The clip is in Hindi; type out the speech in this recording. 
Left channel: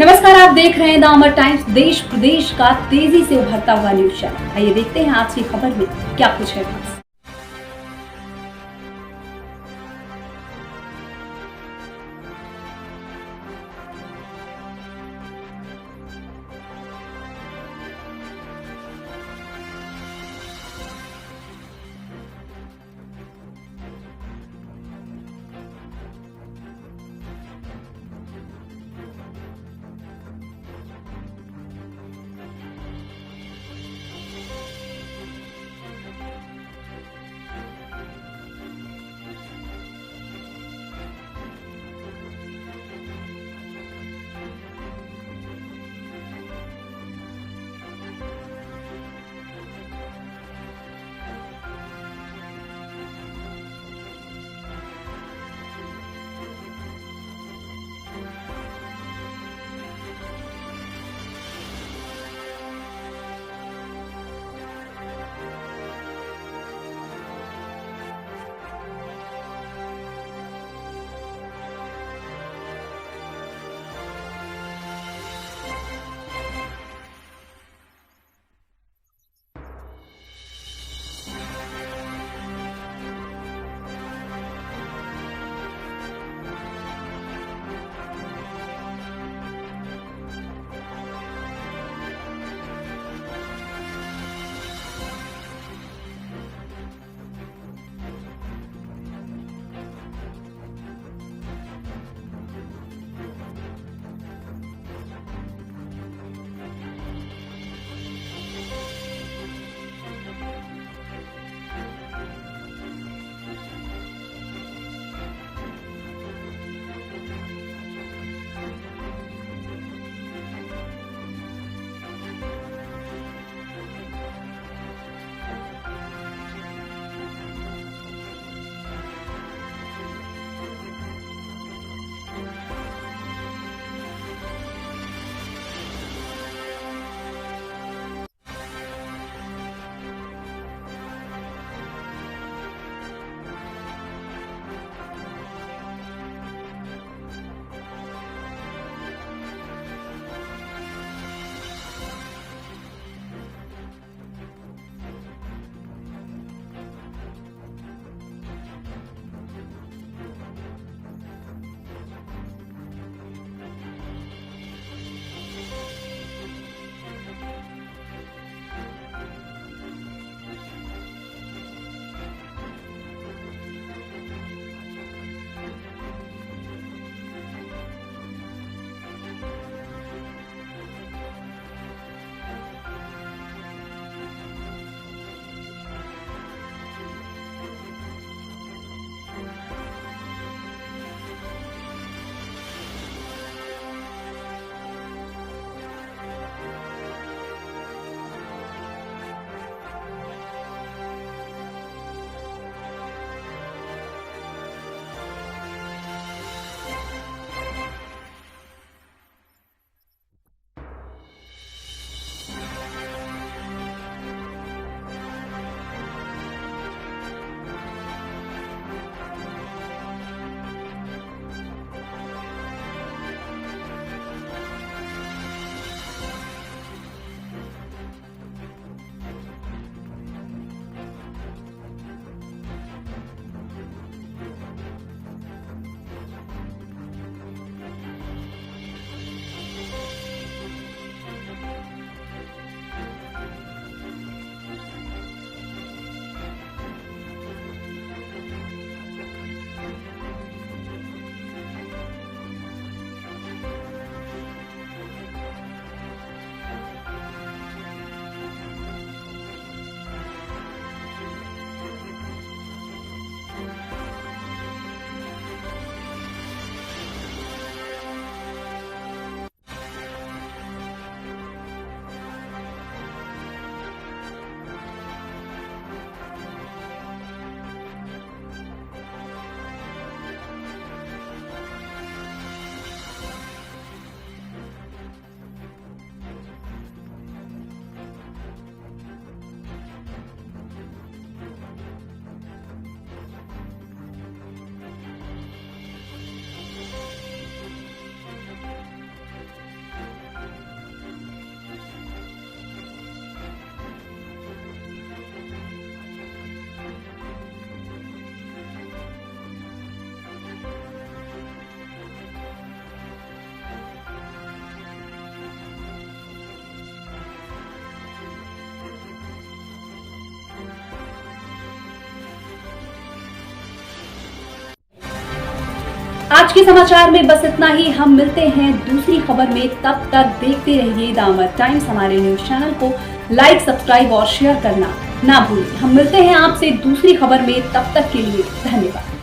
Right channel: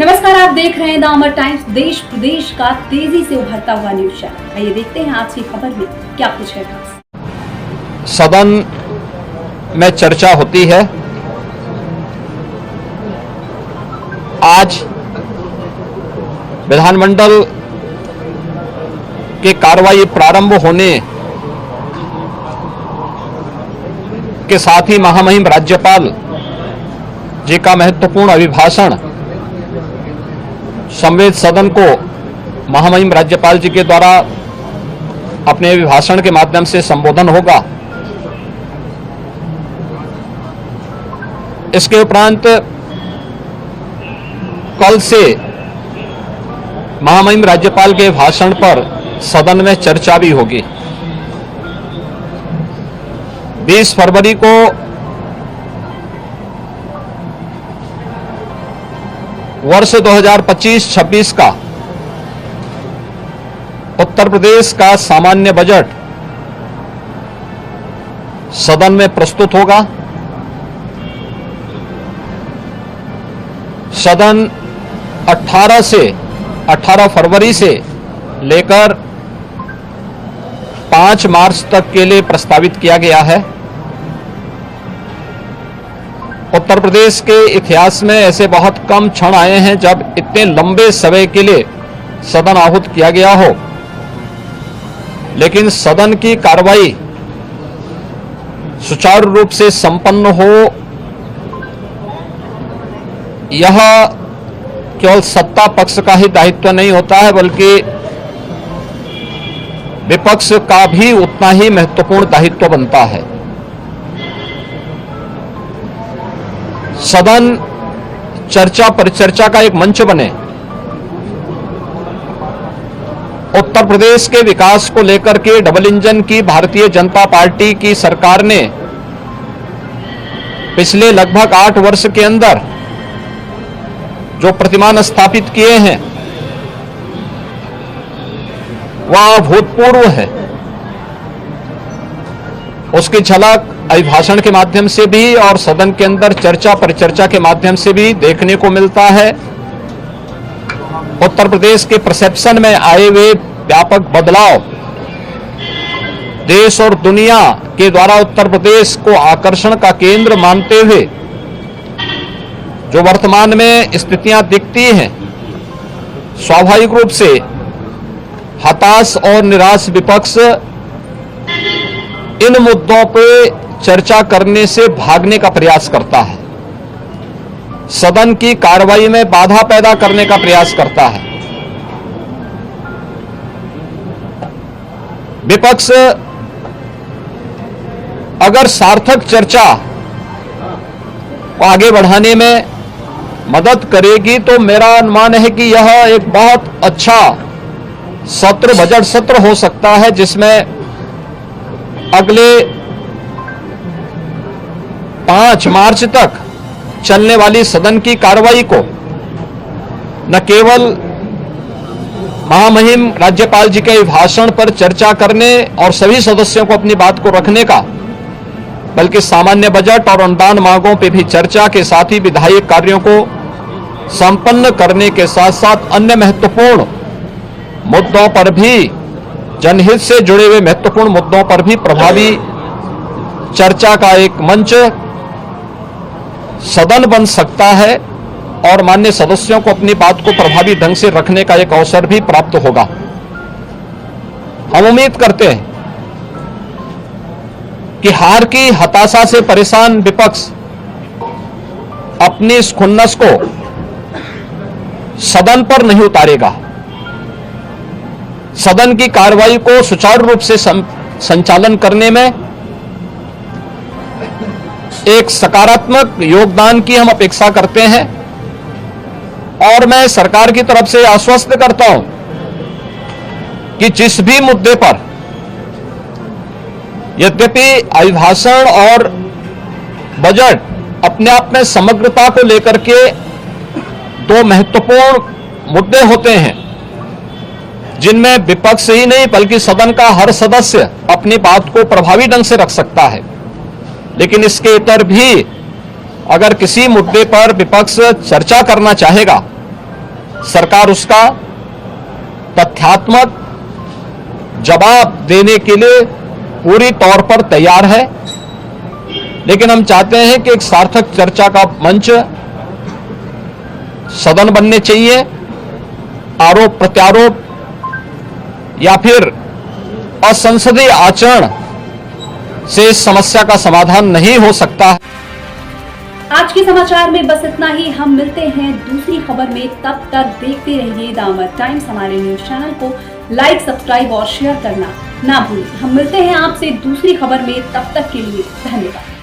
नमस्कार, आप देख रहे हैं द अमर टाइम्स, देश प्रदेश का तेजी से उभरता हुआ न्यूज चैनल। आइए देखते हैं आज की खबर में क्या कुछ है खास। सदन में चर्चा होती है। आज विधानमंडल की कार्रवाई प्रारंभ होने के साथ ही महामहिम राज्यपाल जी का महत्वपूर्ण अभिभाषण संवेद सदन को महामहिम राज्यपाल जी के द्वारा अपने अभिभाषण के माध्यम से संबोधन होगा। इसके उपरांत कल से महामहिम राज्यपाल के भाषण पर सदन में चर्चा भी होगी। 20 फरवरी को वर्ष 2025-26 का उत्तर प्रदेश का सामान्य बजट सदन में प्रस्तुत होगा। सदन 18 फरवरी से लेकर 5 मार्च तक के लिए प्रस्तावित किया गया है। उत्तर प्रदेश के इतिहास में ऐसे बहुत कम क्षण आए हैं जब इतने लंबे समय के लिए सदन आहूत किया गया हो, लेकिन सदन की कार्रवाई सुचारू रूप से संपन्न हो, यह केवल सत्ता पक्ष का ही दायित्व नहीं होता है, बल्कि विपक्ष का भी उतना ही महत्वपूर्ण दायित्व बनता है। सदन चर्चा परिचर्चा का एक मंच बने। उत्तर प्रदेश के विकास को लेकर के डबल इंजन की भारतीय जनता पार्टी की सरकार ने पिछले लगभग 8 वर्ष के अंदर जो प्रतिमान स्थापित किए हैं वह अभूतपूर्व है। उसकी झलक अभिभाषण के माध्यम से भी और सदन के अंदर चर्चा परिचर्चा के माध्यम से भी देखने को मिलता है। उत्तर प्रदेश के परसेप्शन में आए हुए व्यापक बदलाव देश और दुनिया के द्वारा उत्तर प्रदेश को आकर्षण का केंद्र मानते हुए जो वर्तमान में स्थितियां दिखती हैं, स्वाभाविक रूप से हताश और निराश विपक्ष इन मुद्दों पे चर्चा करने से भागने का प्रयास करता है, सदन की कार्रवाई में बाधा पैदा करने का प्रयास करता है। विपक्ष अगर सार्थक चर्चा को आगे बढ़ाने में मदद करेगी तो मेरा अनुमान है कि यह एक बहुत अच्छा सत्र, बजट सत्र हो सकता है, जिसमें अगले 5 मार्च तक चलने वाली सदन की कार्रवाई को न केवल महामहिम राज्यपाल जी के भाषण पर चर्चा करने और सभी सदस्यों को अपनी बात को रखने का, बल्कि सामान्य बजट और अनुदान मांगों पर भी चर्चा के साथ ही विधायी कार्यों को संपन्न करने के साथ साथ अन्य महत्वपूर्ण मुद्दों पर भी, जनहित से जुड़े हुए महत्वपूर्ण मुद्दों पर भी प्रभावी चर्चा का एक मंच सदन बन सकता है और माननीय सदस्यों को अपनी बात को प्रभावी ढंग से रखने का एक अवसर भी प्राप्त होगा। हम उम्मीद करते हैं कि हार की हताशा से परेशान विपक्ष अपनी इस खुन्नस को सदन पर नहीं उतारेगा। सदन की कार्रवाई को सुचारू रूप से संचालन करने में एक सकारात्मक योगदान की हम अपेक्षा करते हैं और मैं सरकार की तरफ से आश्वस्त करता हूं कि जिस भी मुद्दे पर, यद्यपि अभिभाषण और बजट अपने आप में समग्रता को लेकर के 2 महत्वपूर्ण मुद्दे होते हैं, जिनमें विपक्ष ही नहीं बल्कि सदन का हर सदस्य अपनी बात को प्रभावी ढंग से रख सकता है, लेकिन इसके इतर भी अगर किसी मुद्दे पर विपक्ष चर्चा करना चाहेगा सरकार उसका तथ्यात्मक जवाब देने के लिए पूरी तौर पर तैयार है। लेकिन हम चाहते हैं कि एक सार्थक चर्चा का मंच सदन बनने चाहिए। आरोप प्रत्यारोप या फिर असंसदीय आचरण से इस समस्या का समाधान नहीं हो सकता। आज के समाचार में बस इतना ही। हम मिलते हैं दूसरी खबर में, तब तक देखते रहिए दामर टाइम्स। हमारे न्यूज चैनल को लाइक, सब्सक्राइब और शेयर करना ना भूलें। हम मिलते हैं आपसे दूसरी खबर में, तब तक के लिए धन्यवाद।